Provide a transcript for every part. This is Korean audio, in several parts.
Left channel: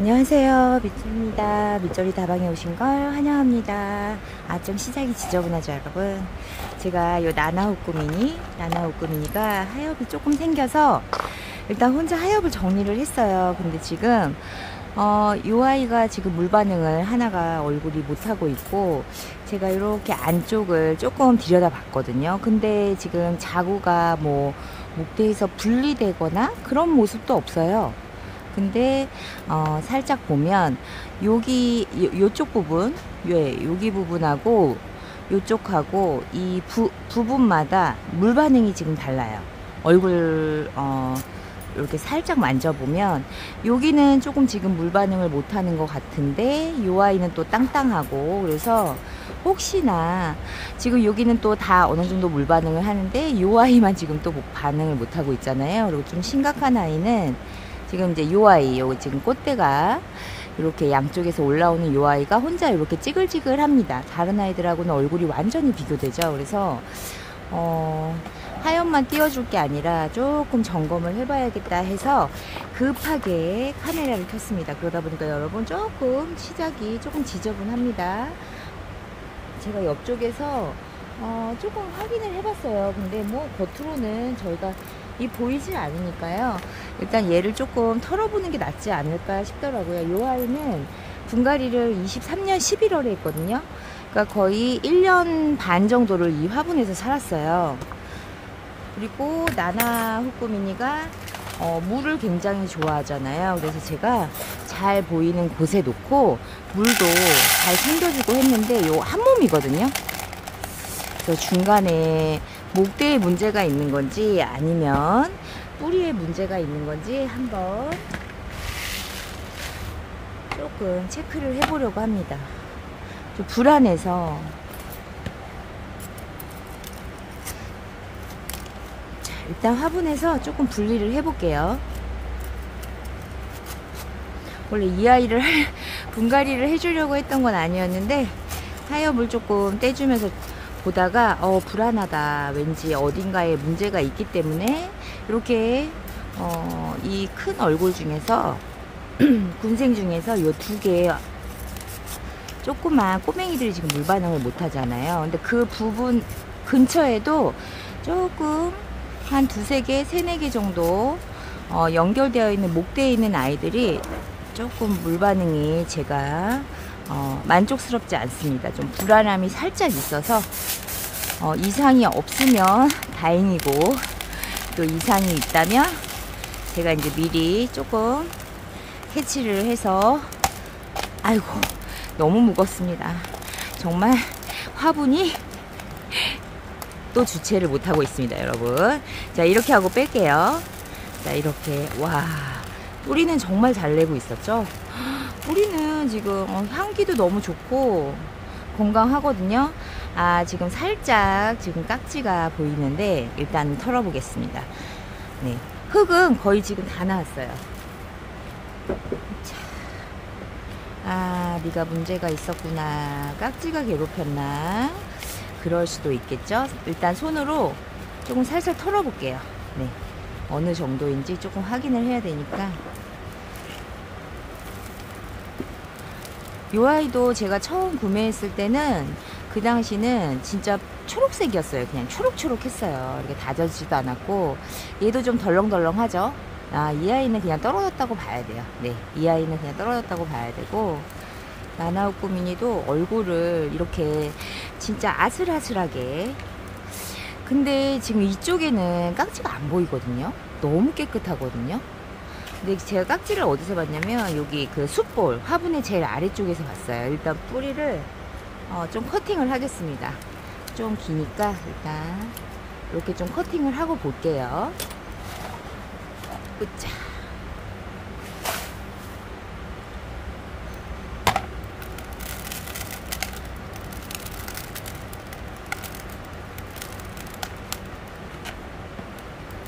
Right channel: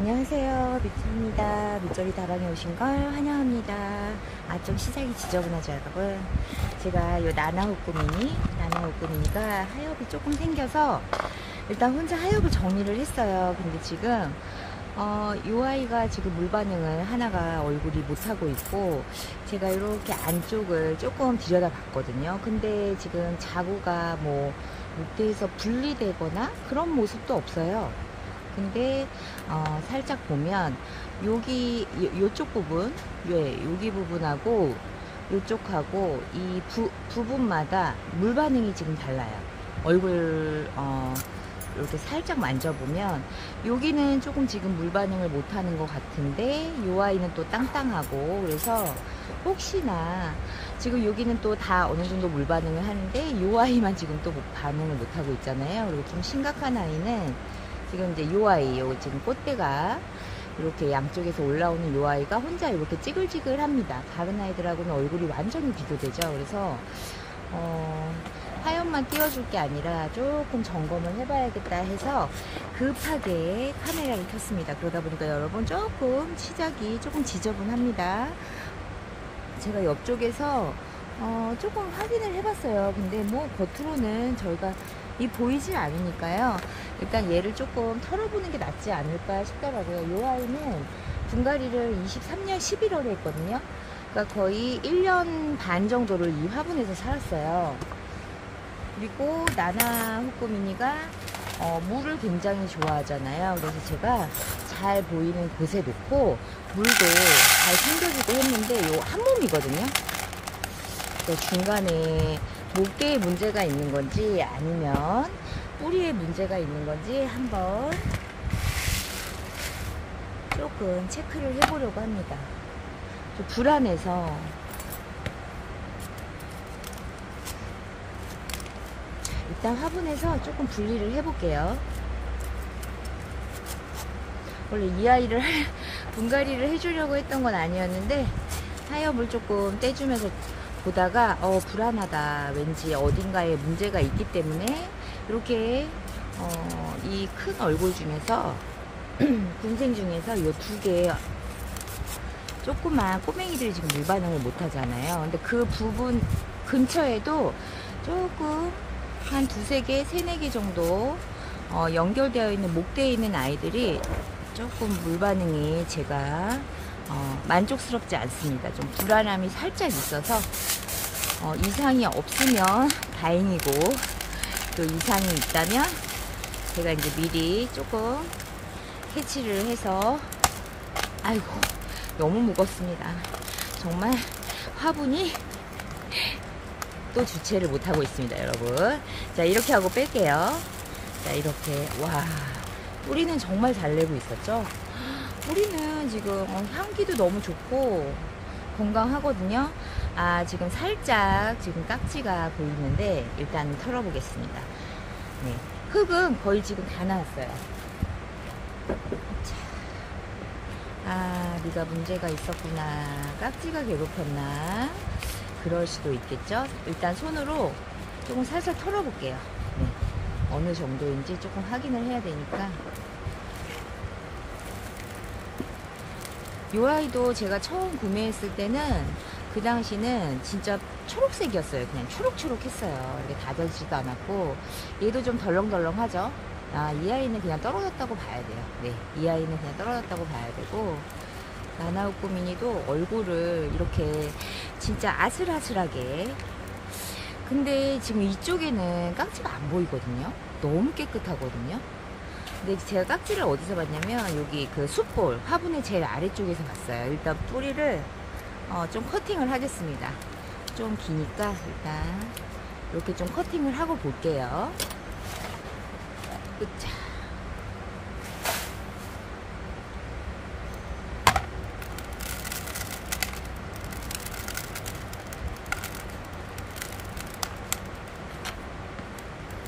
안녕하세요, 미쭈입니다. 밑절이 다방에 오신 거 환영합니다. 좀 시작이 지저분하죠, 여러분. 제가 요 나나호꾸미니가 하엽이 조금 생겨서 일단 혼자 하엽을 정리를 했어요. 근데 지금 요 아이가 지금 물 반응을 하나가 얼굴이 못하고 있고, 제가 이렇게 안쪽을 조금 들여다 봤거든요. 근데 지금 자구가 뭐 목대에서 분리되거나 그런 모습도 없어요. 근데 살짝 보면 요쪽 부분, 여기 부분하고 요쪽하고 이 부분마다 물 반응이 지금 달라요. 얼굴 이렇게 살짝 만져보면 여기는 조금 지금 물 반응을 못하는 것 같은데 요 아이는 또 땅땅하고, 그래서 혹시나 지금 여기는 또 다 어느 정도 물 반응을 하는데 요 아이만 지금 또 반응을 못하고 있잖아요. 그리고 좀 심각한 아이는 지금 이제 요 아이, 지금 꽃대가 이렇게 양쪽에서 올라오는 요 아이가 혼자 이렇게 찌글찌글 합니다. 다른 아이들하고는 얼굴이 완전히 비교되죠. 그래서 하엽만 띄워줄 게 아니라 조금 점검을 해봐야겠다 해서 급하게 카메라를 켰습니다. 그러다 보니까 여러분 조금 시작이 조금 지저분합니다. 제가 옆쪽에서 조금 확인을 해봤어요. 근데 뭐 겉으로는 저희가 보이지 않으니까요. 일단 얘를 조금 털어보는 게 낫지 않을까 싶더라고요. 이 아이는 분갈이를 23년 11월에 했거든요. 그러니까 거의 1년 반 정도를 이 화분에서 살았어요. 그리고 나나호꾸미니가 물을 굉장히 좋아하잖아요. 그래서 제가 잘 보이는 곳에 놓고 물도 잘 챙겨주고 했는데 요 한 몸이거든요. 중간에 목대에 문제가 있는 건지 아니면 뿌리에 문제가 있는 건지 한번 조금 체크를 해보려고 합니다. 좀 불안해서. 일단 화분에서 조금 분리를 해볼게요. 원래 이 아이를 분갈이를 해주려고 했던 건 아니었는데 하엽을 조금 떼주면서 보다가 불안하다, 왠지 어딘가에 문제가 있기 때문에 이렇게 이 큰 얼굴 중에서 군생 중에서 요 두 개 조그만 꼬맹이들이 지금 물 반응을 못 하잖아요. 근데 그 부분 근처에도 조금 한 두세 개, 세네 개 정도 연결되어 있는 목대에 있는 아이들이 조금 물 반응이 제가 만족스럽지 않습니다. 좀 불안함이 살짝 있어서 이상이 없으면 다행이고, 또 이상이 있다면 제가 이제 미리 조금 캐치를 해서, 아이고 너무 무겁습니다. 정말 화분이 또 주체를 못하고 있습니다, 여러분. 자, 이렇게 하고 뺄게요. 자, 이렇게. 와, 뿌리는 정말 잘 내고 있었죠. 뿌리는 지금 향기도 너무 좋고 건강하거든요. 지금 살짝 지금 깍지가 보이는데 일단 털어보겠습니다. 네, 흙은 거의 지금 다 나왔어요. 네가 문제가 있었구나, 깍지가 괴롭혔나, 그럴 수도 있겠죠. 일단 손으로 조금 살살 털어볼게요. 네, 어느 정도인지 조금 확인을 해야 되니까. 이 아이도 제가 처음 구매했을 때는 그 당시는 진짜 초록색이었어요. 그냥 초록초록 했어요. 이렇게 다져지지도 않았고, 얘도 좀 덜렁덜렁하죠. 이 아이는 그냥 떨어졌다고 봐야 돼요. 네, 이 아이는 그냥 떨어졌다고 봐야 되고, 나나호꾸미니도 얼굴을 이렇게 진짜 아슬아슬하게. 근데 지금 이쪽에는 깍지가 안 보이거든요. 너무 깨끗하거든요. 근데 제가 깍지를 어디서 봤냐면 여기 그 숯볼 화분의 제일 아래쪽에서 봤어요. 일단 뿌리를 좀 커팅을 하겠습니다. 좀 기니까 일단 이렇게 좀 커팅을 하고 볼게요. 으짜.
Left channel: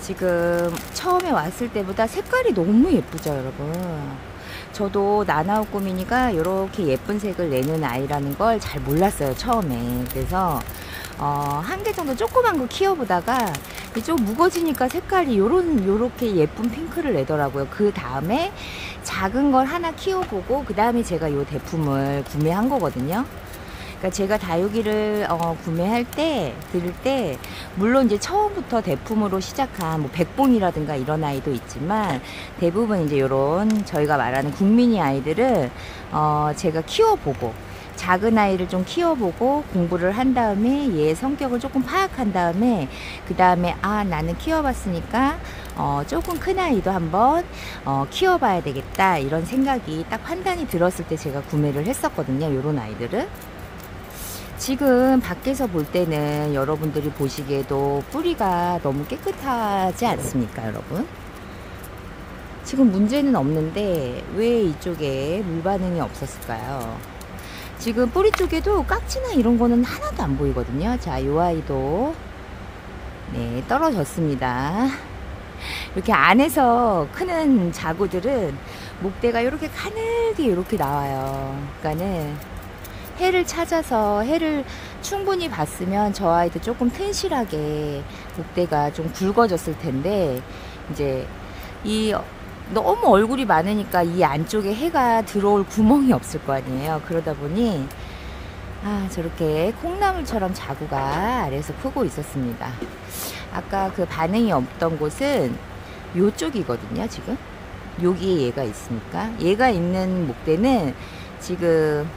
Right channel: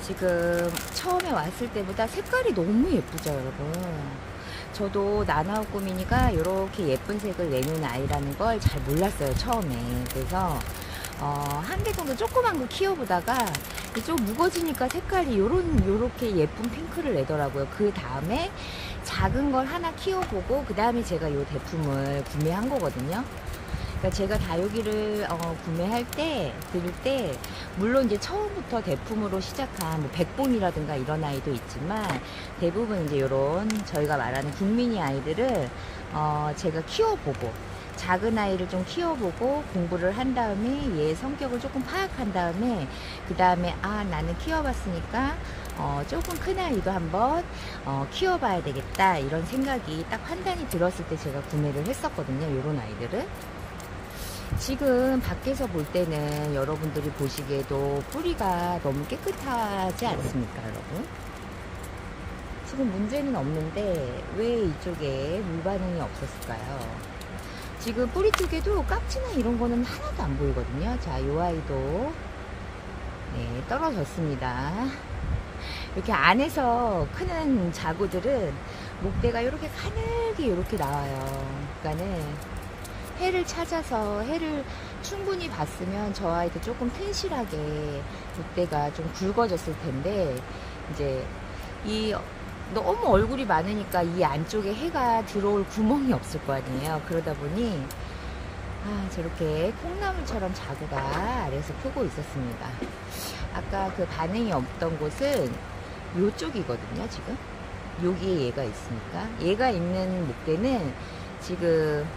지금 처음에 왔을 때보다 색깔이 너무 예쁘죠, 여러분. 저도 나나호꾸미니가 이렇게 예쁜 색을 내는 아이라는 걸 잘 몰랐어요, 처음에. 그래서 한 개 정도 조그만 거 키워보다가 좀 무거지니까 색깔이 요렇게 예쁜 핑크를 내더라고요. 그 다음에 작은 걸 하나 키워보고 그 다음에 제가 이 대품을 구매한 거거든요. 그러니까 제가 다육이를 구매할 때 들을 때 물론 이제 처음부터 대품으로 시작한 뭐 백봉이라든가 이런 아이도 있지만 대부분 이제 요런 저희가 말하는 국민이 아이들은 제가 키워보고 작은 아이를 좀 키워보고 공부를 한 다음에 얘의 성격을 조금 파악한 다음에 그 다음에 나는 키워봤으니까 조금 큰 아이도 한번 키워봐야 되겠다 이런 생각이 딱 판단이 들었을 때 제가 구매를 했었거든요. 요런 아이들은 지금 밖에서 볼 때는 여러분들이 보시기에도 뿌리가 너무 깨끗하지 않습니까, 여러분? 지금 문제는 없는데 왜 이쪽에 물 반응이 없었을까요? 지금 뿌리 쪽에도 깍지나 이런 거는 하나도 안 보이거든요. 자, 요 아이도 네, 떨어졌습니다. 이렇게 안에서 크는 자구들은 목대가 이렇게 가늘게 이렇게 나와요. 그러니까는 해를 찾아서 해를 충분히 봤으면 저 아이도 조금 튼실하게 목대가 좀 굵어졌을 텐데 이제 이 너무 얼굴이 많으니까 이 안쪽에 해가 들어올 구멍이 없을 거 아니에요. 그러다 보니 저렇게 콩나물처럼 자구가 아래에서 크고 있었습니다. 아까 그 반응이 없던 곳은 요쪽이거든요. 지금 여기에 얘가 있으니까 얘가 있는 목대는 지금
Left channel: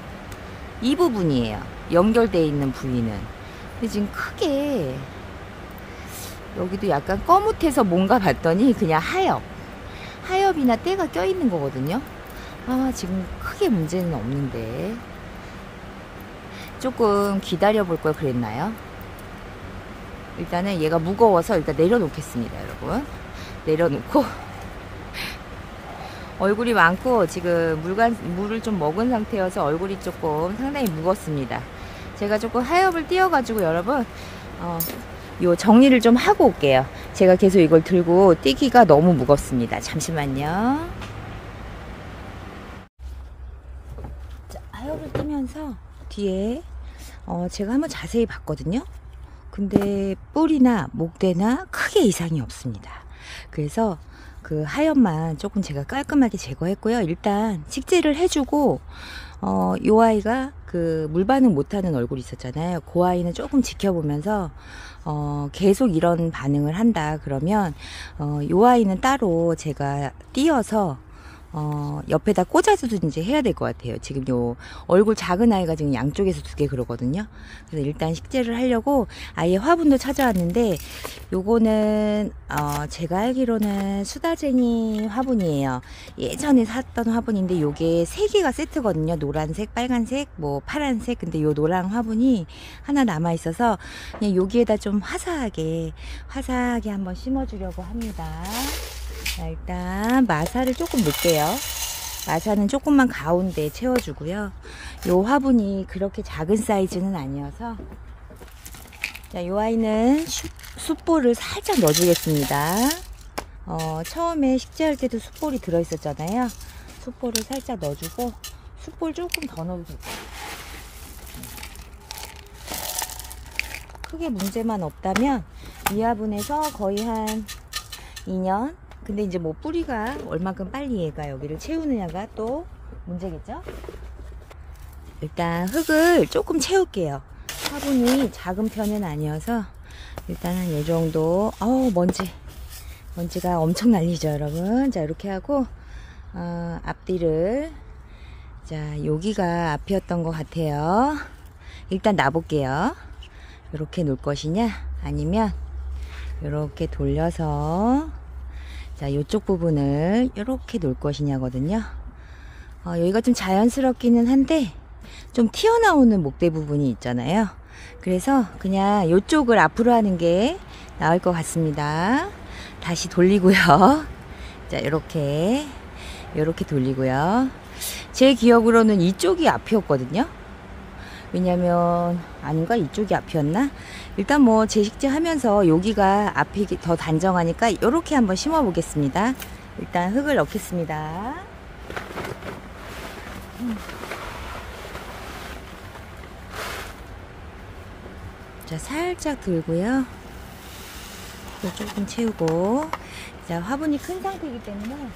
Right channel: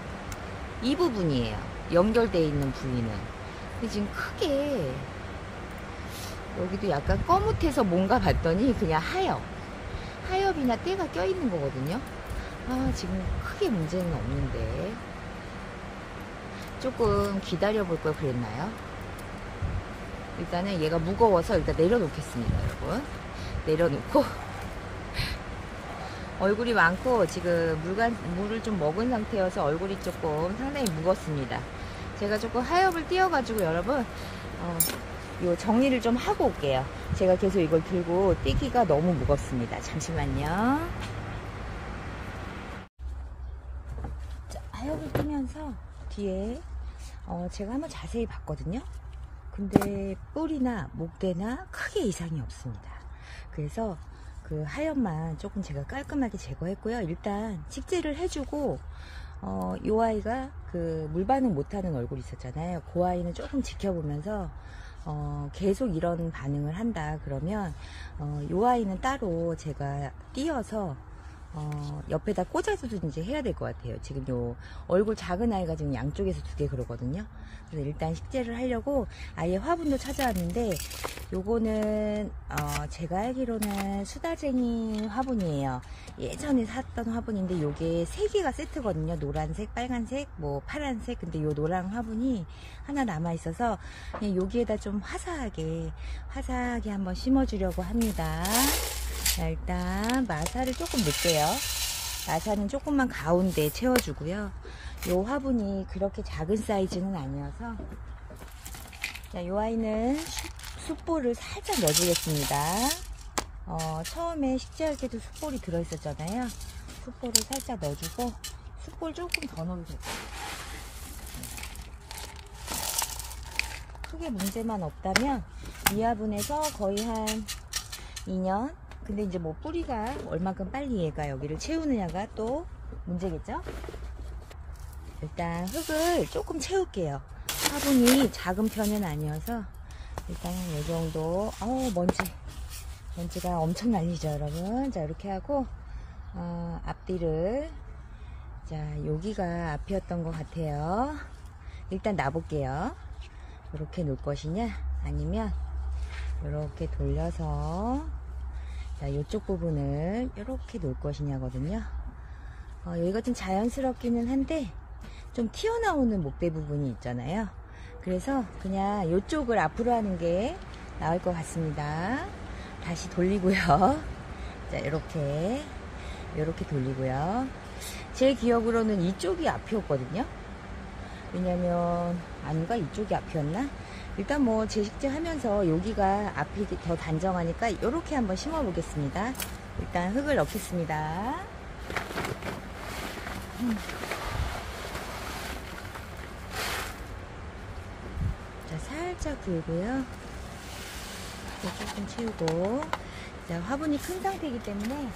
이 부분이에요. 연결되어 있는 부위는. 근데 지금 크게 여기도 약간 거뭇해서 뭔가 봤더니 그냥 하엽이나 때가 껴있는 거거든요. 지금 크게 문제는 없는데 조금 기다려 볼 걸 그랬나요? 일단은 얘가 무거워서 일단 내려놓겠습니다, 여러분. 내려놓고 얼굴이 많고 지금 물을 좀 먹은 상태여서 얼굴이 조금 상당히 무겁습니다. 제가 조금 하엽을 띄워가지고 여러분 요 정리를 좀 하고 올게요. 제가 계속 이걸 들고 뛰기가 너무 무겁습니다. 잠시만요. 자, 하엽을 띄면서 뒤에 제가 한번 자세히 봤거든요. 근데 뿌리나 목대나 크게 이상이 없습니다. 그래서 그 하엽만 조금 제가 깔끔하게 제거했고요. 일단 식재를 해주고 요 아이가 그 물반응 못하는 얼굴이 있었잖아요. 그 아이는 조금 지켜보면서 계속 이런 반응을 한다 그러면 요 아이는 따로 제가 띄어서 옆에다 꽂아주든지 해야 될 것 같아요. 지금 요 얼굴 작은 아이가 지금 양쪽에서 2개 그러거든요. 그래서 일단 식재를 하려고 아예 화분도 찾아왔는데 요거는 제가 알기로는 수다쟁이 화분이에요. 예전에 샀던 화분인데 요게 3개가 세트거든요. 노란색, 빨간색, 뭐 파란색. 근데 요 노랑 화분이 하나 남아 있어서 그냥 여기에다 좀 화사하게 한번 심어주려고 합니다. 자, 일단 마사를 조금 넣을게요. 마사는 조금만 가운데 채워주고요. 요 화분이 그렇게 작은 사이즈는 아니어서 자, 요 아이는 숯볼을 살짝 넣어주겠습니다. 처음에 식재할 때도 숯볼이 들어있었잖아요. 숯볼을 살짝 넣어주고 숯볼 조금 더 넣어도 될것 같아요. 크게 문제만 없다면 이 화분에서 거의 한 2년 근데 이제 뭐 뿌리가 얼만큼 빨리 얘가 여기를 채우느냐가 또 문제겠죠? 일단 흙을 조금 채울게요. 화분이 작은 편은 아니어서 일단은 이 정도. 먼지가 엄청 날리죠, 여러분. 자, 이렇게 하고 앞뒤를 자, 여기가 앞이었던 것 같아요. 일단 놔볼게요. 이렇게 놓을 것이냐 아니면 이렇게 돌려서 자, 이쪽 부분을 이렇게 놓을 것이냐거든요. 여기가 좀 자연스럽기는 한데 좀 튀어나오는 목대 부분이 있잖아요. 그래서 그냥 이쪽을 앞으로 하는 게 나을 것 같습니다. 다시 돌리고요. 자, 이렇게 돌리고요. 제 기억으로는 이쪽이 앞이었거든요. 왜냐면 아닌가? 이쪽이 앞이었나? 일단 뭐 재식재 하면서 여기가 앞이 더 단정하니까 이렇게 한번 심어 보겠습니다. 일단 흙을 넣겠습니다. 자, 살짝 들고요. 또 조금 채우고. 자, 화분이 큰 상태이기 때문에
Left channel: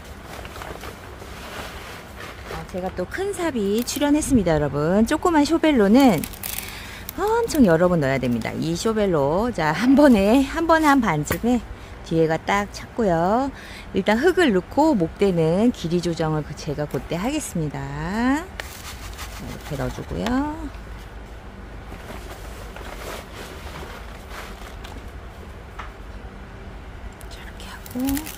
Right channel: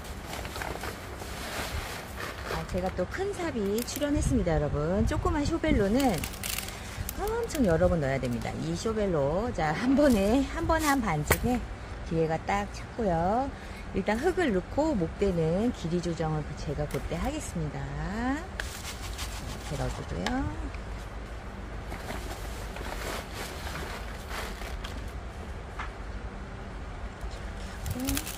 제가 또 큰 삽이 출연했습니다, 여러분. 조그만 쇼벨로는 엄청 여러 번 넣어야 됩니다. 이 쇼벨로 자 한 번에 한 반쯤에 뒤에가 딱 찼고요. 일단 흙을 넣고 목대는 길이 조정을 제가 그때 하겠습니다. 이렇게 넣어주고요. 이렇게 하고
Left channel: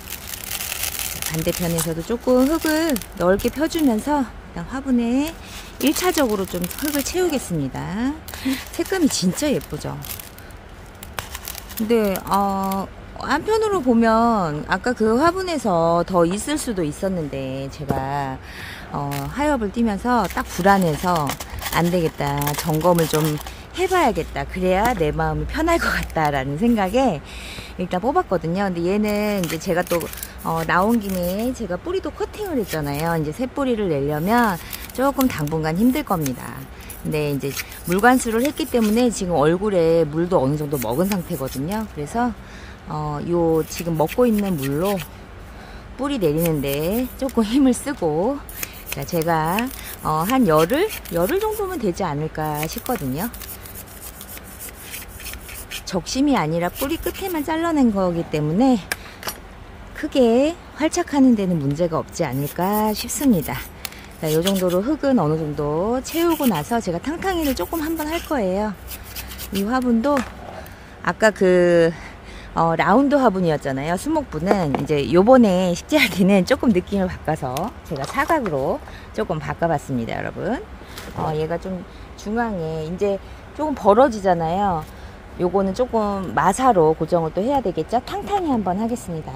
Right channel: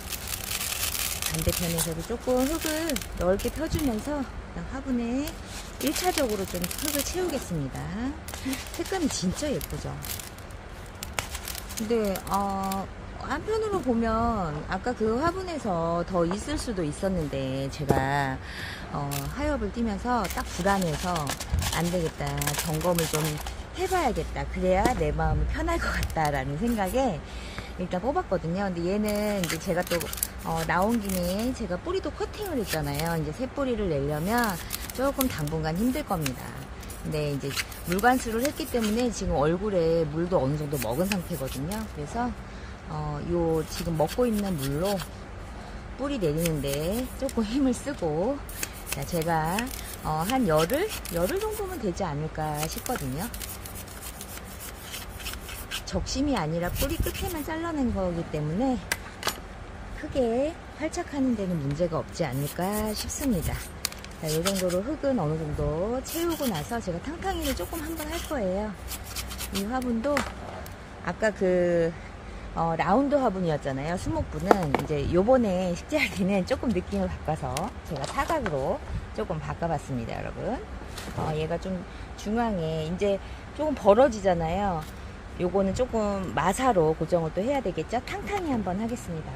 반대편에서도 조금 흙을 넓게 펴주면서 일단 화분에 1차적으로 좀 흙을 채우겠습니다. 색감이 진짜 예쁘죠? 근데 한편으로 보면 아까 그 화분에서 더 있을 수도 있었는데 제가 하엽을 띄면서 딱 불안해서 안 되겠다, 점검을 좀 해봐야겠다, 그래야 내 마음이 편할 것 같다 라는 생각에 일단 뽑았거든요. 근데 얘는 이제 제가 또 나온 김에 제가 뿌리도 커팅을 했잖아요. 이제 새 뿌리를 내려면 조금 당분간 힘들 겁니다. 근데 이제 물관수를 했기 때문에 지금 얼굴에 물도 어느 정도 먹은 상태거든요. 그래서 요 지금 먹고 있는 물로 뿌리 내리는데 조금 힘을 쓰고, 자, 제가 한 열흘 정도면 되지 않을까 싶거든요. 적심이 아니라 뿌리 끝에만 잘라낸 거기 때문에 크게 활착하는 데는 문제가 없지 않을까 싶습니다. 자, 이 정도로 흙은 어느 정도 채우고 나서 제가 탕탕이를 조금 한번 할 거예요. 이 화분도 아까 그 라운드 화분이었잖아요. 수목분은 이제 요번에 식재하기는 조금 느낌을 바꿔서 제가 사각으로 조금 바꿔봤습니다, 여러분. 얘가 좀 중앙에 이제 조금 벌어지잖아요. 요거는 조금 마사로 고정을 또 해야 되겠죠. 탕탕이 한번 하겠습니다.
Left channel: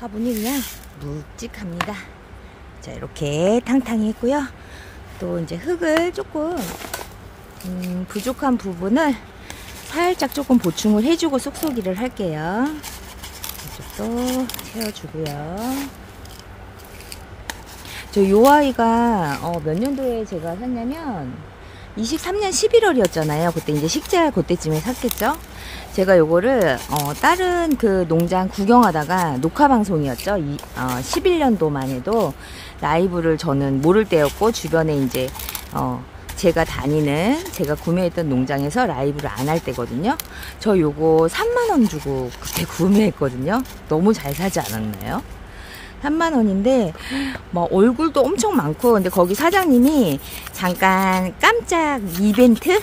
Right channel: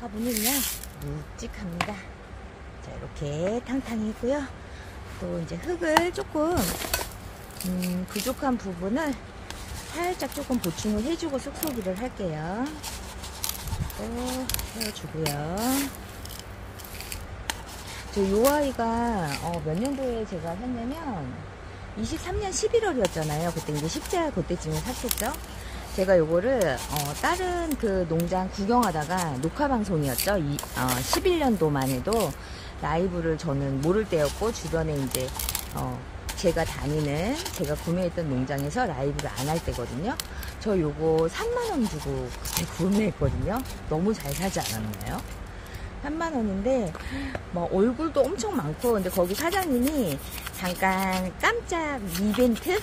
화분이 그냥 묵직합니다. 자, 이렇게 탕탕이 했고요. 또 이제 흙을 조금 부족한 부분을 살짝 조금 보충을 해주고 쏙쏙이를 할게요. 이쪽도 채워주고요. 요 아이가 몇 년도에 제가 샀냐면 23년 11월이었잖아요. 그때 이제 식재할 그때쯤에 샀겠죠. 제가 요거를 다른 그 농장 구경하다가 녹화 방송이었죠. 11년도만 해도 라이브를 저는 모를 때였고, 주변에 이제 제가 구매했던 농장에서 라이브를 안 할 때거든요. 저 요거 3만원 주고 그때 구매했거든요. 너무 잘 사지 않았나요? 3만원인데 뭐 얼굴도 엄청 많고, 근데 거기 사장님이 잠깐 깜짝 이벤트,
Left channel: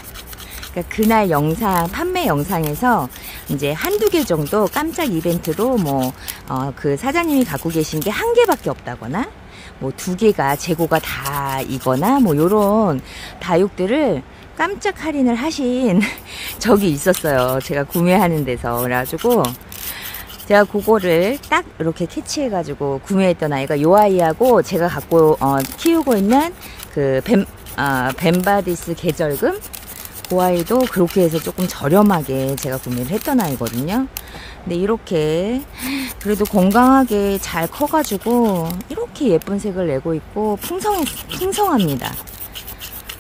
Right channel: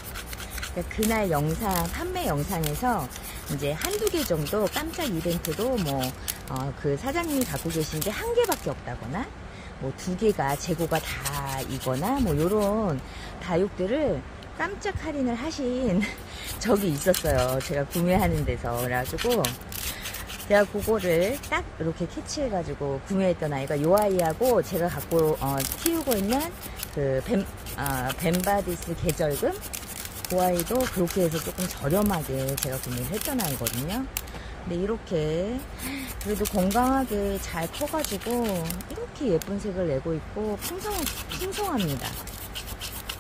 그러니까 그날 영상, 판매 영상에서 이제 한두 개 정도 깜짝 이벤트로 그 사장님이 갖고 계신 게 한 개밖에 없다거나 뭐 두 개가 재고가 다이거나 뭐 요런 다육들을 깜짝 할인을 하신 적이 있었어요. 제가 구매하는 데서. 그래가지고 제가 그거를 딱 이렇게 캐치해가지고 구매했던 아이가 요 아이하고 제가 갖고 키우고 있는 그 벤바디스 계절금, 그 아이도 그렇게 해서 조금 저렴하게 제가 구매를 했던 아이거든요. 근데 이렇게 그래도 건강하게 잘 커가지고 이렇게 예쁜 색을 내고 있고 풍성합니다.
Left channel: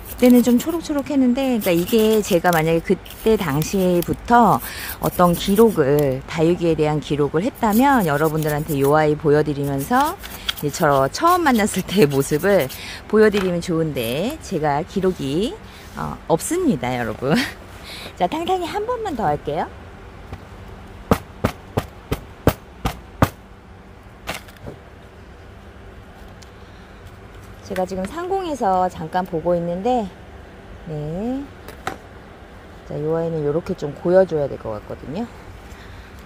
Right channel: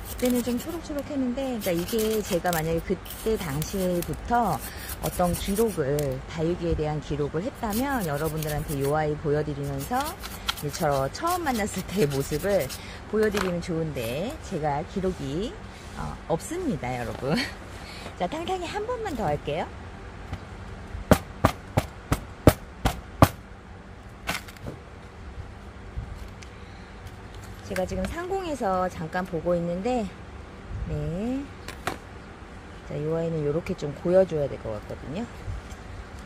그때는 좀 초록초록했는데, 그러니까 이게 제가 만약에 그때 당시부터 어떤 기록을, 다육이에 대한 기록을 했다면 여러분들한테 요 아이 보여드리면서 이제 저 처음 만났을 때의 모습을 보여드리면 좋은데 제가 기록이 없습니다, 여러분. 자, 탕탕이 한 번만 더 할게요. 제가 지금 상공에서 잠깐 보고 있는데, 네. 자, 이 아이는 이렇게 좀 고여줘야 될 것 같거든요.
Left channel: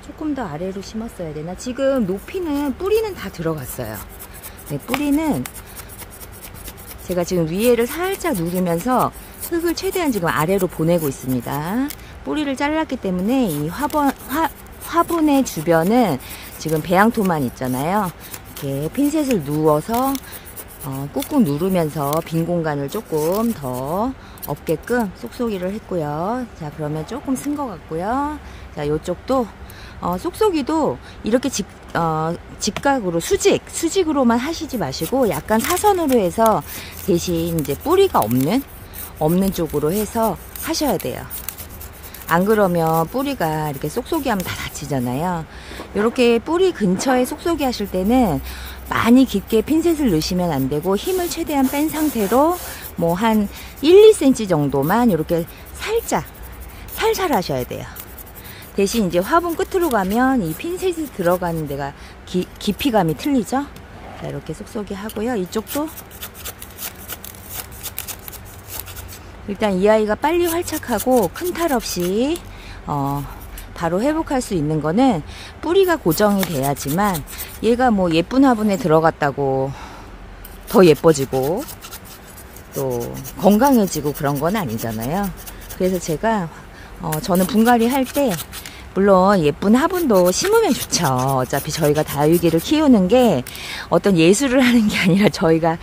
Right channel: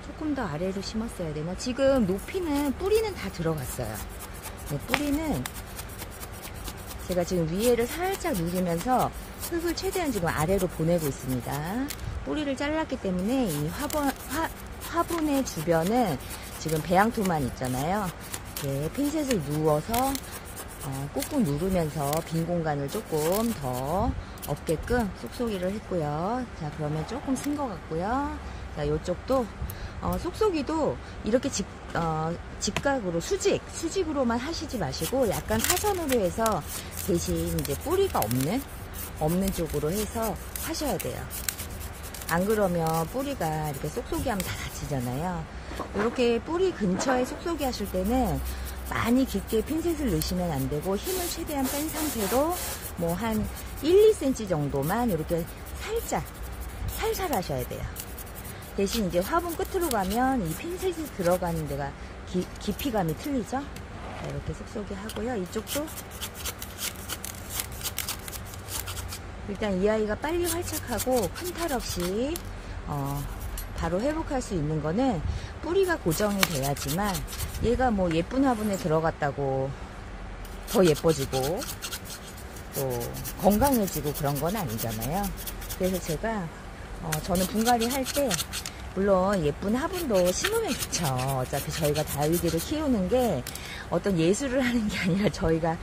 조금 더 아래로 심었어야 되나? 지금 높이는, 뿌리는 다 들어갔어요. 네, 뿌리는 제가 지금 위에를 살짝 누르면서 흙을 최대한 지금 아래로 보내고 있습니다. 뿌리를 잘랐기 때문에 이 화분의 주변은 지금 배양토만 있잖아요. 이렇게 핀셋을 누워서 꾹꾹 누르면서 빈 공간을 조금 더 없게끔 쏙쏙이를 했고요. 자, 그러면 조금 쓴 것 같고요. 자, 요쪽도 쏙쏙이도 이렇게 직각으로 수직으로만 하시지 마시고 약간 사선으로 해서 대신 이제 뿌리가 없는 쪽으로 해서 하셔야 돼요. 안 그러면 뿌리가 이렇게 쏙쏙이 하면 다 다치잖아요. 이렇게 뿌리 근처에 쏙쏙이 하실 때는 많이 깊게 핀셋을 넣으시면 안 되고, 힘을 최대한 뺀 상태로 뭐 한 1, 2cm 정도만 이렇게 살살 하셔야 돼요. 대신 이제 화분 끝으로 가면 이 핀셋이 들어가는 데가 깊이감이 틀리죠. 자, 이렇게 쏙쏙이 하고요. 이쪽도 일단 이 아이가 빨리 활착하고 큰 탈 없이 바로 회복할 수 있는 거는 뿌리가 고정이 돼야지만, 얘가 뭐 예쁜 화분에 들어갔다고 더 예뻐지고 또 건강해지고 그런 건 아니잖아요. 그래서 제가 저는 분갈이 할 때 물론 예쁜 화분도 심으면 좋죠. 어차피 저희가 다육이를 키우는 게 어떤 예술을 하는 게 아니라 저희가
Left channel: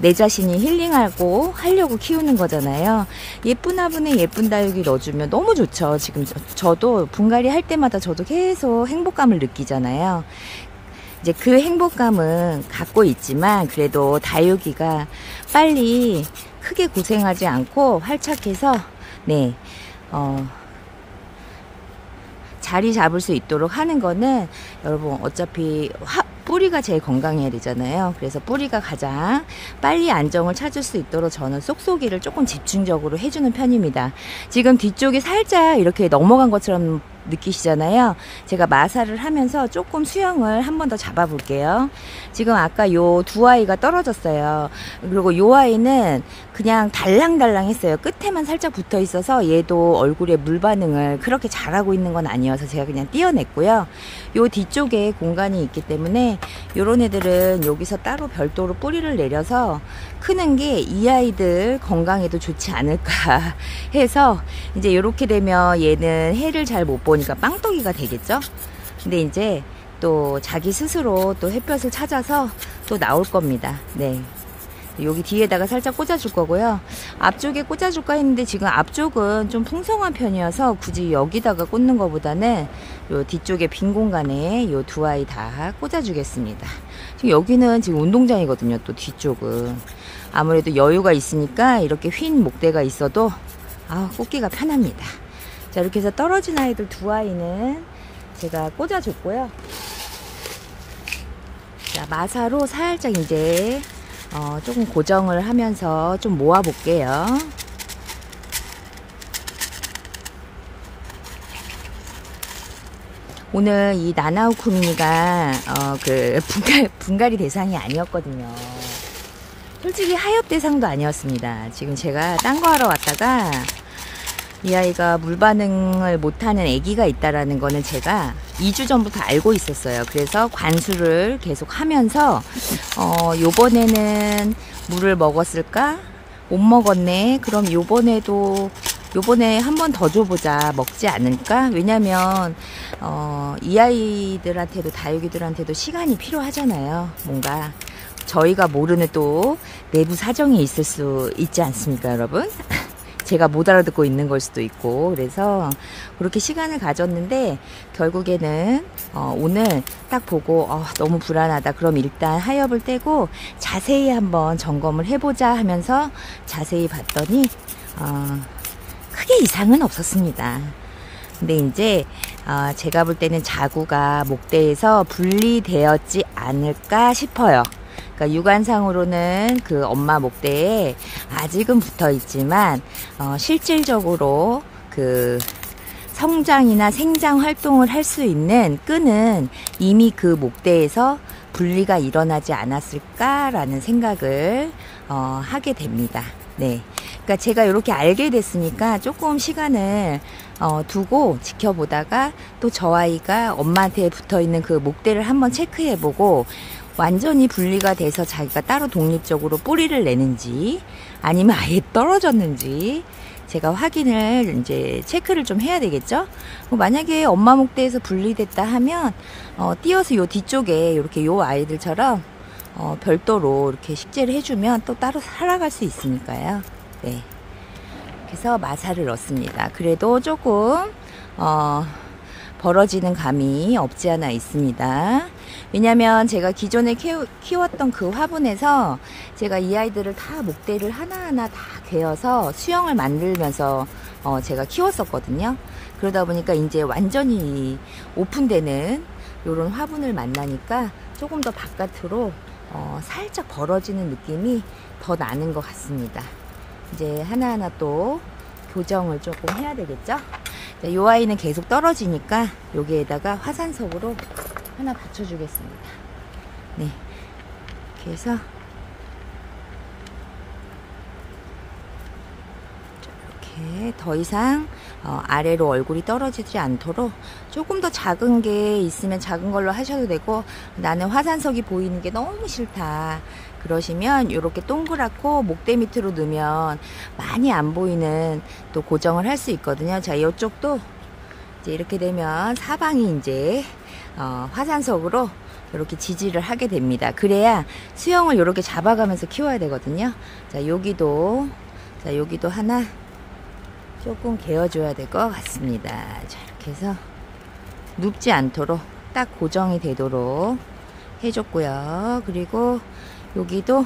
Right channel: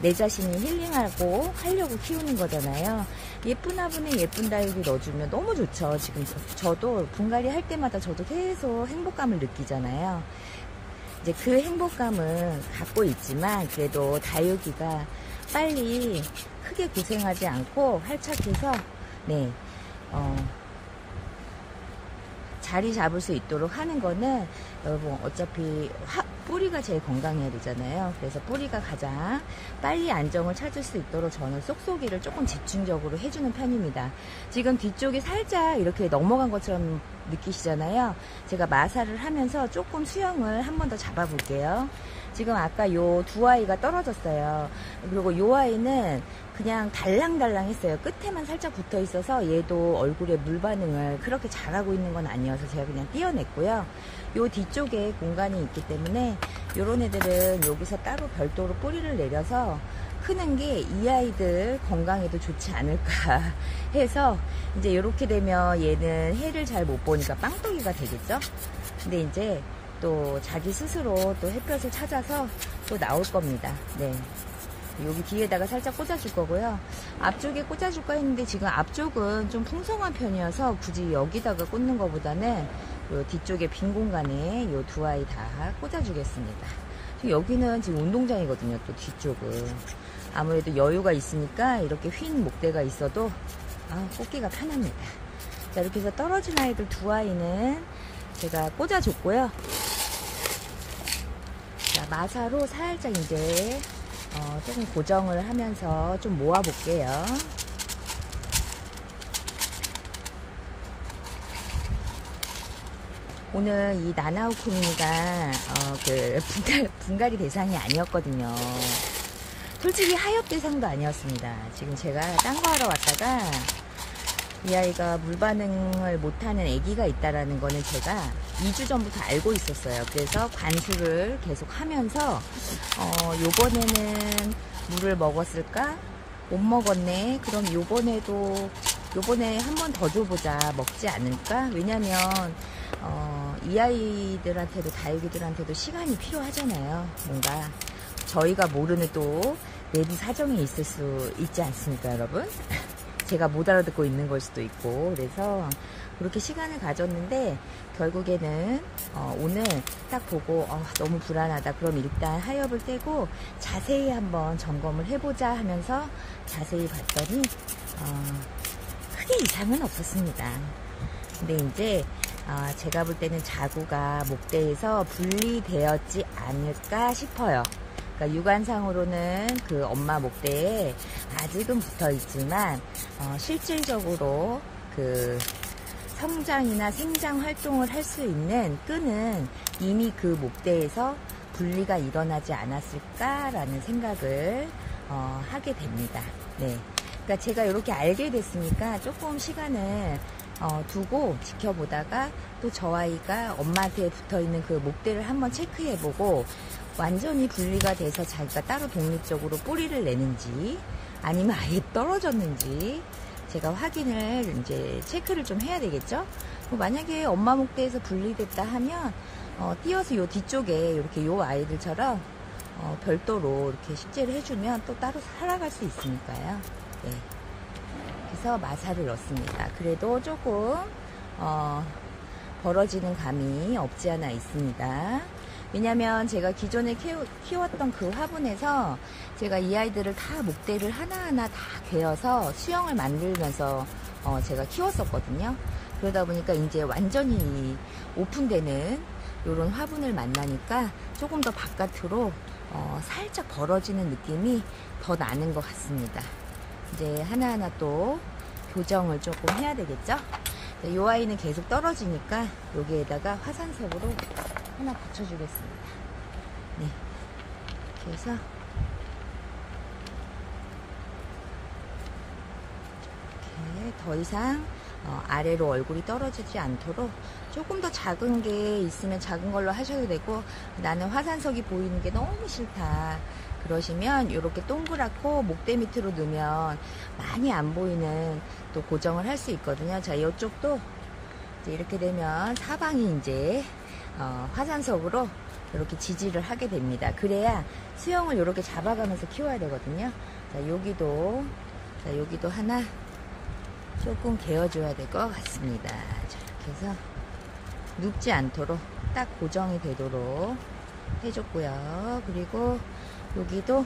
내 자신이 힐링하고 하려고 키우는 거잖아요. 예쁜 화분에 예쁜 다육이 넣어주면 너무 좋죠. 지금 저도 분갈이 할 때마다 저도 계속 행복감을 느끼잖아요. 이제 그 행복감은 갖고 있지만, 그래도 다육이가 빨리 크게 고생하지 않고 활착해서 자리 잡을 수 있도록 하는 거는, 여러분 어차피 뿌리가 제일 건강해야 되잖아요. 그래서 뿌리가 가장 빨리 안정을 찾을 수 있도록 저는 쏙쏙이를 조금 집중적으로 해주는 편입니다. 지금 뒤쪽이 살짝 이렇게 넘어간 것처럼 느끼시잖아요. 제가 마사를 하면서 조금 수영을 한 번 더 잡아 볼게요. 지금 아까 요 두 아이가 떨어졌어요. 그리고 요 아이는 그냥 달랑달랑 했어요. 끝에만 살짝 붙어 있어서 얘도 얼굴에 물 반응을 그렇게 잘하고 있는 건 아니어서 제가 그냥 띄어냈고요. 요 뒤쪽에 공간이 있기 때문에 요런 애들은 여기서 따로 별도로 뿌리를 내려서 크는 게 이 아이들 건강에도 좋지 않을까 해서, 이제 요렇게 되면 얘는 해를 잘 못 보니까 빵떡이가 되겠죠. 근데 이제 또 자기 스스로 또 햇볕을 찾아서 또 나올 겁니다. 네, 여기 뒤에다가 살짝 꽂아줄 거고요. 앞쪽에 꽂아줄까 했는데 지금 앞쪽은 좀 풍성한 편이어서 굳이 여기다가 꽂는 것보다는 요 뒤쪽에 빈 공간에 요 두 아이 다 꽂아주겠습니다. 지금 여기는 지금 운동장이거든요. 또 뒤쪽은 아무래도 여유가 있으니까 이렇게 휜 목대가 있어도 꽂기가 편합니다. 자, 이렇게 해서 떨어진 아이들 두 아이는 제가 꽂아줬고요. 자, 마사로 살짝 이제 조금 고정을 하면서 좀 모아 볼게요. 오늘 이 나나우쿠미니가 분갈이 대상이 아니었거든요. 솔직히 하엽 대상도 아니었습니다. 지금 제가 딴 거 하러 왔다가 이 아이가 물 반응을 못하는 아기가 있다라는 거는 제가 2주 전부터 알고 있었어요. 그래서 관수를 계속 하면서 요번에는 물을 먹었을까? 못 먹었네. 그럼 요번에 한 번 더 줘보자. 먹지 않을까? 왜냐면 이 아이들한테도, 다육이들한테도 시간이 필요하잖아요. 뭔가 저희가 모르는 또 내부 사정이 있을 수 있지 않습니까, 여러분? 제가 못 알아듣고 있는 걸 수도 있고, 그래서 그렇게 시간을 가졌는데 결국에는 오늘 딱 보고 너무 불안하다. 그럼 일단 하엽을 떼고 자세히 한번 점검을 해보자 하면서 자세히 봤더니 크게 이상은 없었습니다. 근데 이제 제가 볼 때는 자구가 목대에서 분리되었지 않을까 싶어요. 그러니까 육안상으로는 그 엄마 목대에 아직은 붙어 있지만 실질적으로 그 성장이나 생장 활동을 할 수 있는 끈은 이미 그 목대에서 분리가 일어나지 않았을까라는 생각을 하게 됩니다. 네. 그러니까 제가 이렇게 알게 됐으니까 조금 시간을 두고 지켜보다가 또 저 아이가 엄마한테 붙어 있는 그 목대를 한번 체크해보고 완전히 분리가 돼서 자기가 따로 독립적으로 뿌리를 내는지 아니면 아예 떨어졌는지 제가 확인을 이제 체크를 좀 해야 되겠죠. 만약에 엄마 목대에서 분리됐다 하면 띄어서 요 뒤쪽에 이렇게 요 아이들처럼 별도로 이렇게 식재를 해주면 또 따로 살아갈 수 있으니까요. 네. 그래서 마사를 넣습니다. 그래도 조금 벌어지는 감이 없지 않아 있습니다. 왜냐면 제가 기존에 키웠던 그 화분에서 제가 이 아이들을 다 목대를 하나하나 다 베어서 수영을 만들면서 제가 키웠었거든요. 그러다 보니까 이제 완전히 오픈되는 요런 화분을 만나니까 조금 더 바깥으로 살짝 벌어지는 느낌이 더 나는 것 같습니다. 이제 하나하나 또 교정을 조금 해야 되겠죠? 이 아이는 계속 떨어지니까 여기에다가 화산석으로 하나 붙여주겠습니다. 네, 이렇게 해서 이렇게 더 이상 아래로 얼굴이 떨어지지 않도록 조금 더 작은 게 있으면 작은 걸로 하셔도 되고, 나는 화산석이 보이는 게 너무 싫다 그러시면 이렇게 동그랗고 목대 밑으로 넣으면 많이 안 보이는 또 고정을 할 수 있거든요. 자, 이쪽도 이제 이렇게 되면 사방이 이제 화산석으로 이렇게 지지를 하게 됩니다. 그래야 수영을 이렇게 잡아가면서 키워야 되거든요. 자, 여기도 하나 조금 개어줘야 될 것 같습니다. 자, 이렇게 해서 눕지 않도록 딱 고정이 되도록 해줬고요. 그리고 여기도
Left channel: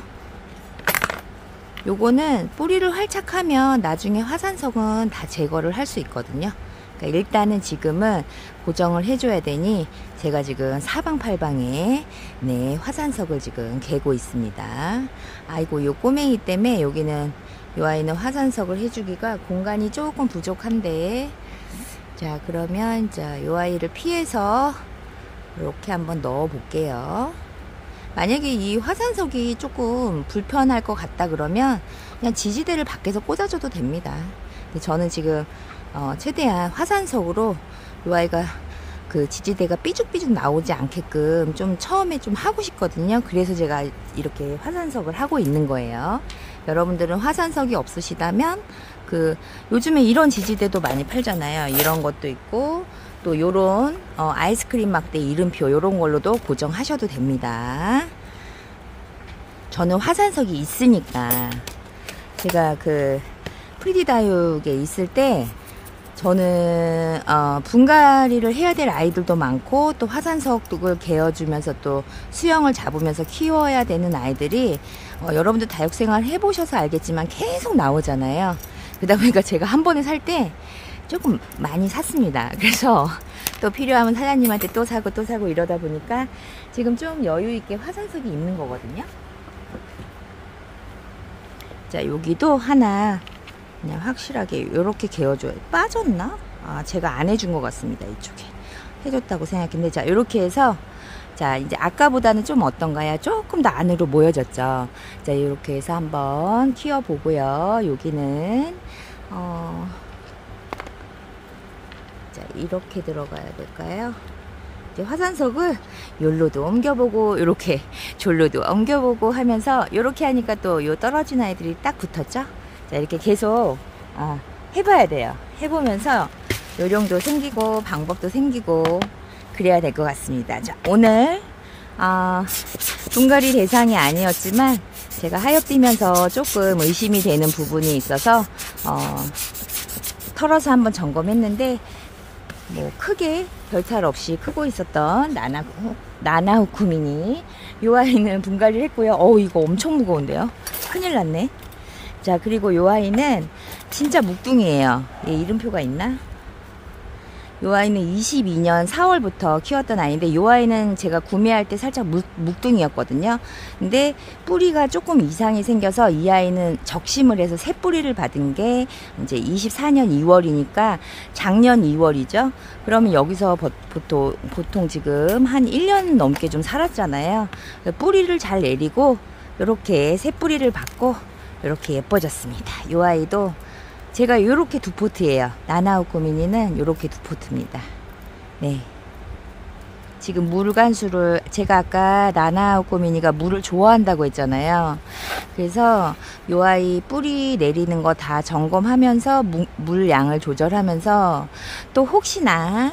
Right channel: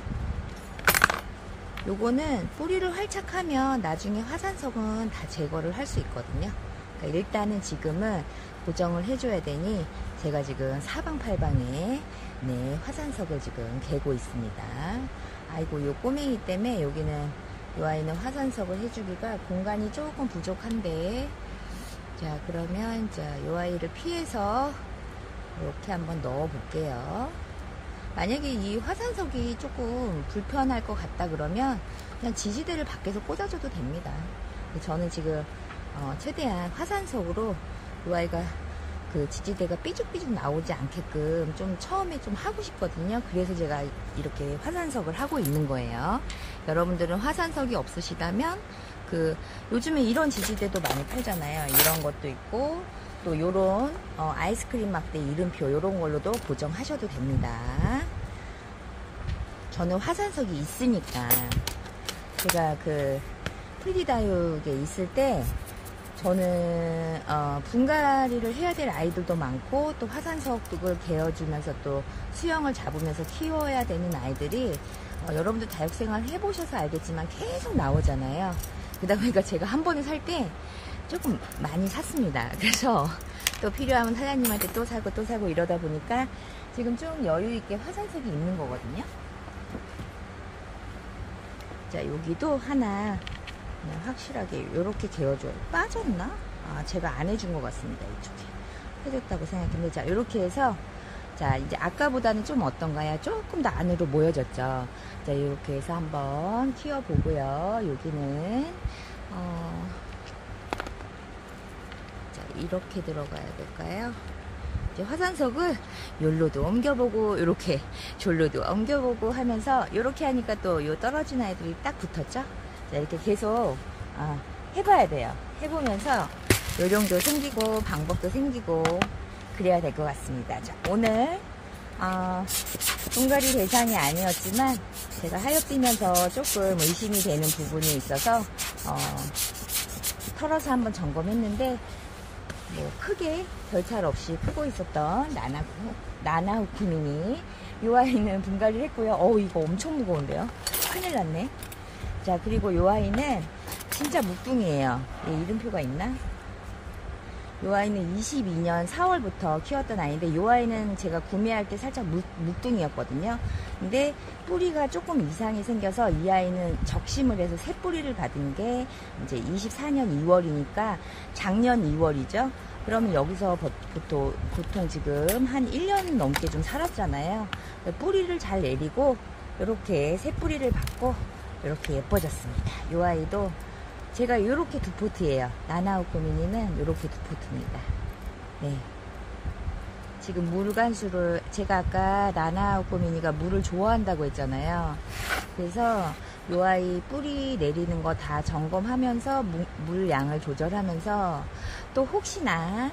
요거는 뿌리를 활착하면 나중에 화산석은 다 제거를 할 수 있거든요. 그러니까 일단은 지금은 고정을 해줘야 되니 제가 지금 사방팔방에 네, 화산석을 지금 개고 있습니다. 아이고, 요 꼬맹이 때문에 여기는 요 아이는 화산석을 해주기가 공간이 조금 부족한데, 자, 그러면 자, 요 아이를 피해서 이렇게 한번 넣어 볼게요. 만약에 이 화산석이 조금 불편할 것 같다 그러면 그냥 지지대를 밖에서 꽂아줘도 됩니다. 저는 지금 최대한 화산석으로 이 아이가 그 지지대가 삐죽삐죽 나오지 않게끔 좀 처음에 좀 하고 싶거든요. 그래서 제가 이렇게 화산석을 하고 있는 거예요. 여러분들은 화산석이 없으시다면 그 요즘에 이런 지지대도 많이 팔잖아요. 이런 것도 있고 또 요런 아이스크림 막대 이름표 요런 걸로도 고정하셔도 됩니다. 저는 화산석이 있으니까, 제가 그 프리디다육에 있을 때 저는 분갈이를 해야 될 아이들도 많고 또 화산석을 개어주면서 또 수영을 잡으면서 키워야 되는 아이들이 여러분들 다육생활 해보셔서 알겠지만 계속 나오잖아요. 그러다 보니까 제가 한 번에 살 때 조금 많이 샀습니다. 그래서 또 필요하면 사장님한테 또 사고 이러다 보니까 지금 좀 여유있게 화산석이 있는 거거든요. 자, 여기도 하나 그냥 확실하게 이렇게 개어줘요. 빠졌나? 제가 안 해준 것 같습니다. 이쪽에 해줬다고 생각했는데, 자, 이렇게 해서 자, 이제 아까보다는 좀 어떤가요? 조금 더 안으로 모여졌죠. 자, 이렇게 해서 한번 키워보고요. 여기는 자, 이렇게 들어가야 될까요? 이제 화산석을 요로도 옮겨보고 이렇게 졸로도 옮겨보고 하면서 이렇게 하니까 또 요 떨어진 아이들이 딱 붙었죠. 자, 이렇게 계속 해봐야 돼요. 해보면서 요령도 생기고 방법도 생기고 그래야 될 것 같습니다. 자, 오늘 분갈이 대상이 아니었지만 제가 하엽뛰면서 조금 의심이 되는 부분이 있어서 털어서 한번 점검했는데 뭐 크게 별탈 없이 크고 있었던 나나우쿠미니 요 아이는 분갈이를 했고요. 이거 엄청 무거운데요. 큰일 났네. 자, 그리고 요 아이는 진짜 묵둥이에요. 얘 이름표가 있나? 요 아이는 22년 4월부터 키웠던 아이인데, 요 아이는 제가 구매할 때 살짝 묵둥이였거든요. 근데 뿌리가 조금 이상이 생겨서 이 아이는 적심을 해서 새 뿌리를 받은 게 이제 24년 2월이니까 작년 2월이죠. 그러면 여기서 보통 지금 한 1년 넘게 좀 살았잖아요. 뿌리를 잘 내리고 이렇게 새 뿌리를 받고 이렇게 예뻐졌습니다. 요 아이도 제가 요렇게 두 포트예요. 나나우쿠미니는 요렇게 두 포트입니다. 네. 지금 물간수를, 제가 아까 나나우쿠미니가 물을 좋아한다고 했잖아요. 그래서 요 아이 뿌리 내리는 거 다 점검하면서 물 양을 조절하면서 또 혹시나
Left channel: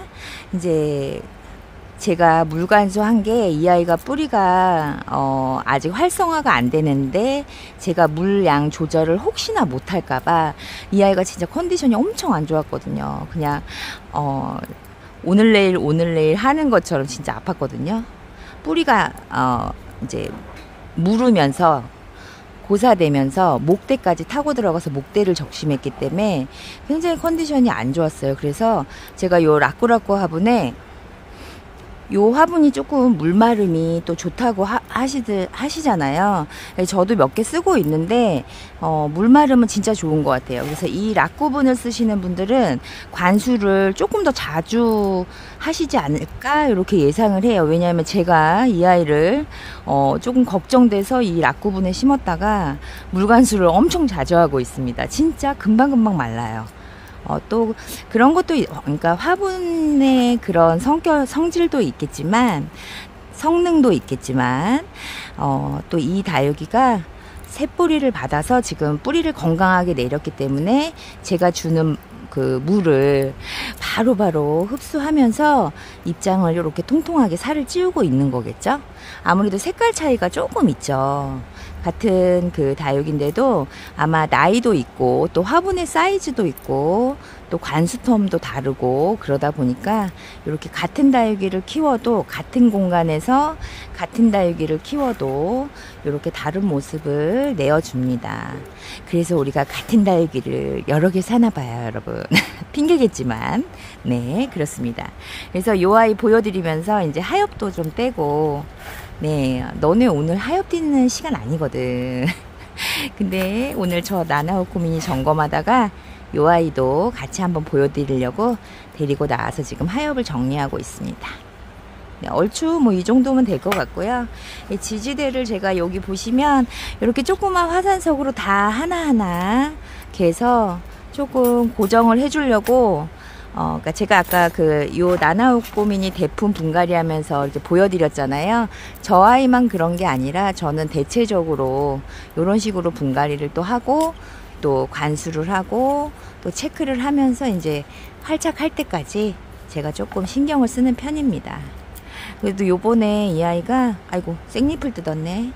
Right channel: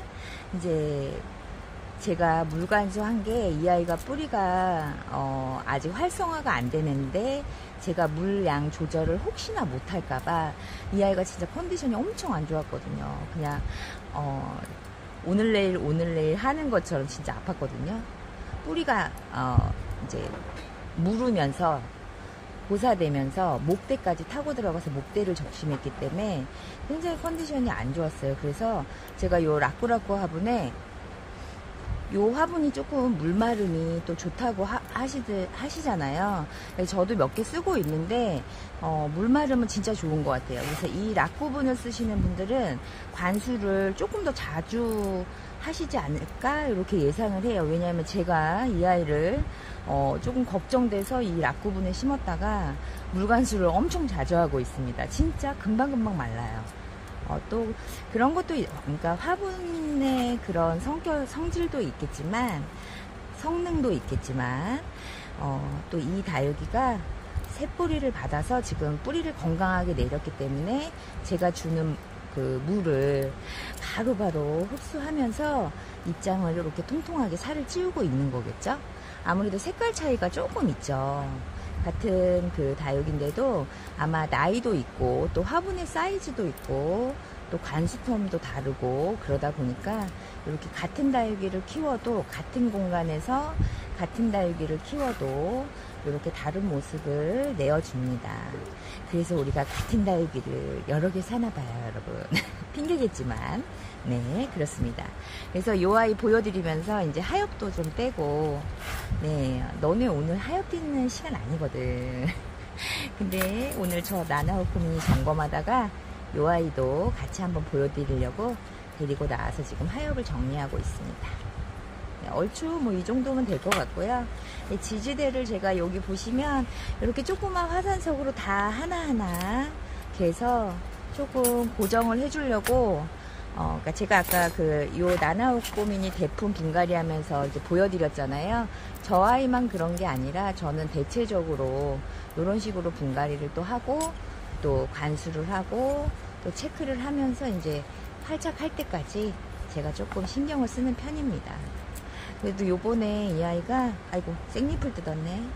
이제 제가 물간수한 게 이 아이가 뿌리가 아직 활성화가 안 되는데 제가 물양 조절을 혹시나 못할까봐, 이 아이가 진짜 컨디션이 엄청 안 좋았거든요. 그냥 오늘 내일 하는 것처럼 진짜 아팠거든요. 뿌리가 이제 무르면서 고사되면서 목대까지 타고 들어가서 목대를 적심했기 때문에 굉장히 컨디션이 안 좋았어요. 그래서 제가 요 라꾸라꾸 화분에 요 화분이 조금 물마름이 또 좋다고 하시잖아요. 저도 몇 개 쓰고 있는데 물마름은 진짜 좋은 것 같아요. 그래서 이 락구분을 쓰시는 분들은 관수를 조금 더 자주 하시지 않을까 이렇게 예상을 해요. 왜냐하면 제가 이 아이를 조금 걱정돼서 이 락구분에 심었다가 물관수를 엄청 자주 하고 있습니다. 진짜 금방금방 말라요. 또 그런 것도, 그러니까 화분의 그런 성질도 있겠지만, 성능도 있겠지만, 또 이 다육이가 새뿌리를 받아서 지금 뿌리를 건강하게 내렸기 때문에 제가 주는 그 물을 바로바로 흡수하면서 입장을 이렇게 통통하게 살을 찌우고 있는 거겠죠. 아무래도 색깔 차이가 조금 있죠. 같은 그 다육인데도 아마 나이도 있고 또 화분의 사이즈도 있고 또 관수텀도 다르고 그러다 보니까 이렇게 같은 다육이를 키워도, 같은 공간에서 같은 다육이를 키워도 이렇게 다른 모습을 내어줍니다. 그래서 우리가 같은 다육이를 여러 개 사나봐요, 여러분. 핑계겠지만 네, 그렇습니다. 그래서 이 아이 보여드리면서 이제 하엽도 좀 떼고, 네, 너네 오늘 하엽 떼는 시간 아니거든. 근데 오늘 저 나나우꾸미니 점검하다가 요 아이도 같이 한번 보여드리려고 데리고 나와서 지금 하엽을 정리하고 있습니다. 네, 얼추 뭐 이 정도면 될 것 같고요. 이 지지대를 제가 여기 보시면 이렇게 조그만 화산석으로 다 하나하나 이렇게 해서 조금 고정을 해주려고, 그러니까 제가 아까 요 나나우꾸미니 대품 분갈이 하면서 이제 보여드렸잖아요. 저 아이만 그런 게 아니라 저는 대체적으로 이런 식으로 분갈이를 또 하고, 또 관수를 하고, 또 체크를 하면서 이제 활착할 때까지 제가 조금 신경을 쓰는 편입니다. 그래도 요번에 이 아이가, 아이고, 생잎을 뜯었네.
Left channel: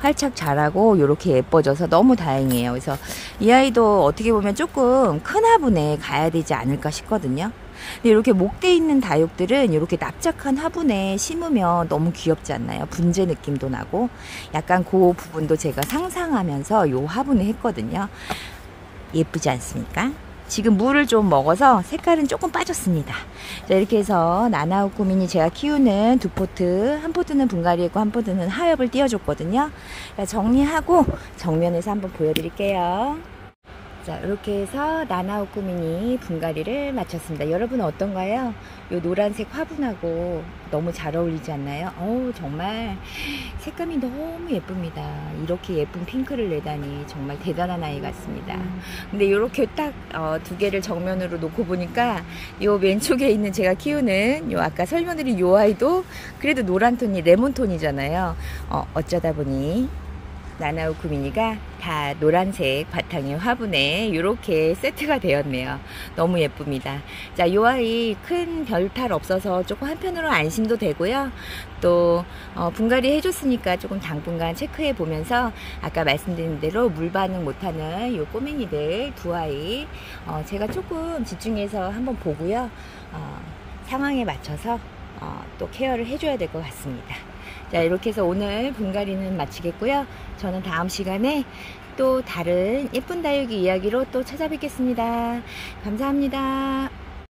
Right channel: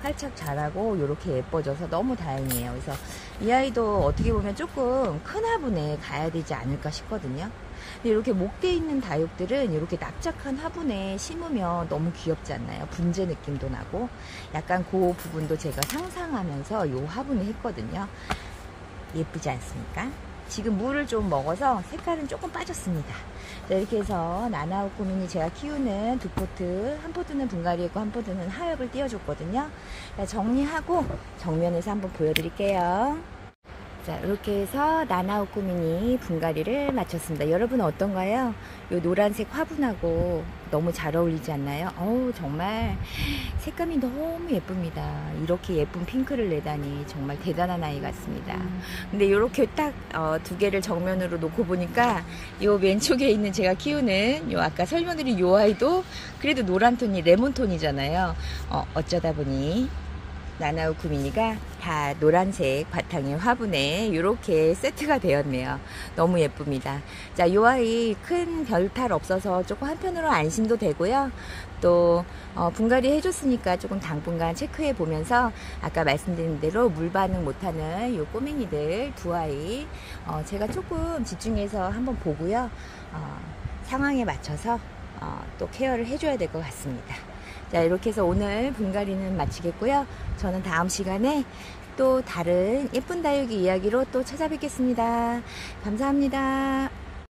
활착 잘하고 이렇게 예뻐져서 너무 다행이에요. 그래서 이 아이도 어떻게 보면 조금 큰 화분에 가야 되지 않을까 싶거든요. 근데 이렇게 목대 있는 다육들은 이렇게 납작한 화분에 심으면 너무 귀엽지 않나요? 분재 느낌도 나고. 약간 그 부분도 제가 상상하면서 이 화분에 했거든요. 예쁘지 않습니까? 지금 물을 좀 먹어서 색깔은 조금 빠졌습니다. 자, 이렇게 해서 나나우꾸미니 제가 키우는 두 포트, 한 포트는 분갈이고 한 포트는 하엽을 띄워줬거든요. 자, 정리하고 정면에서 한번 보여드릴게요. 자, 이렇게 해서 나나우꾸미니 분갈이를 마쳤습니다. 여러분은 어떤가요? 이 노란색 화분하고 너무 잘 어울리지 않나요? 어우, 정말 색감이 너무 예쁩니다. 이렇게 예쁜 핑크를 내다니 정말 대단한 아이 같습니다. 근데 이렇게 딱 두 개를 정면으로 놓고 보니까 요 왼쪽에 있는 제가 키우는 요 아까 설명드린 요 아이도 그래도 노란 톤이 레몬톤이잖아요. 어쩌다 보니 나나우꾸미니가 다 노란색 바탕의 화분에 이렇게 세트가 되었네요. 너무 예쁩니다. 자, 요 아이 큰 별탈 없어서 조금 한편으로 안심도 되고요. 또 분갈이 해줬으니까 조금 당분간 체크해 보면서 아까 말씀드린 대로 물 반응 못하는 요 꼬맹이들 두 아이 제가 조금 집중해서 한번 보고요. 상황에 맞춰서 또 케어를 해줘야 될 것 같습니다. 자, 이렇게 해서 오늘 분갈이는 마치겠고요. 저는 다음 시간에 또 다른 예쁜 다육이 이야기로 또 찾아뵙겠습니다. 감사합니다.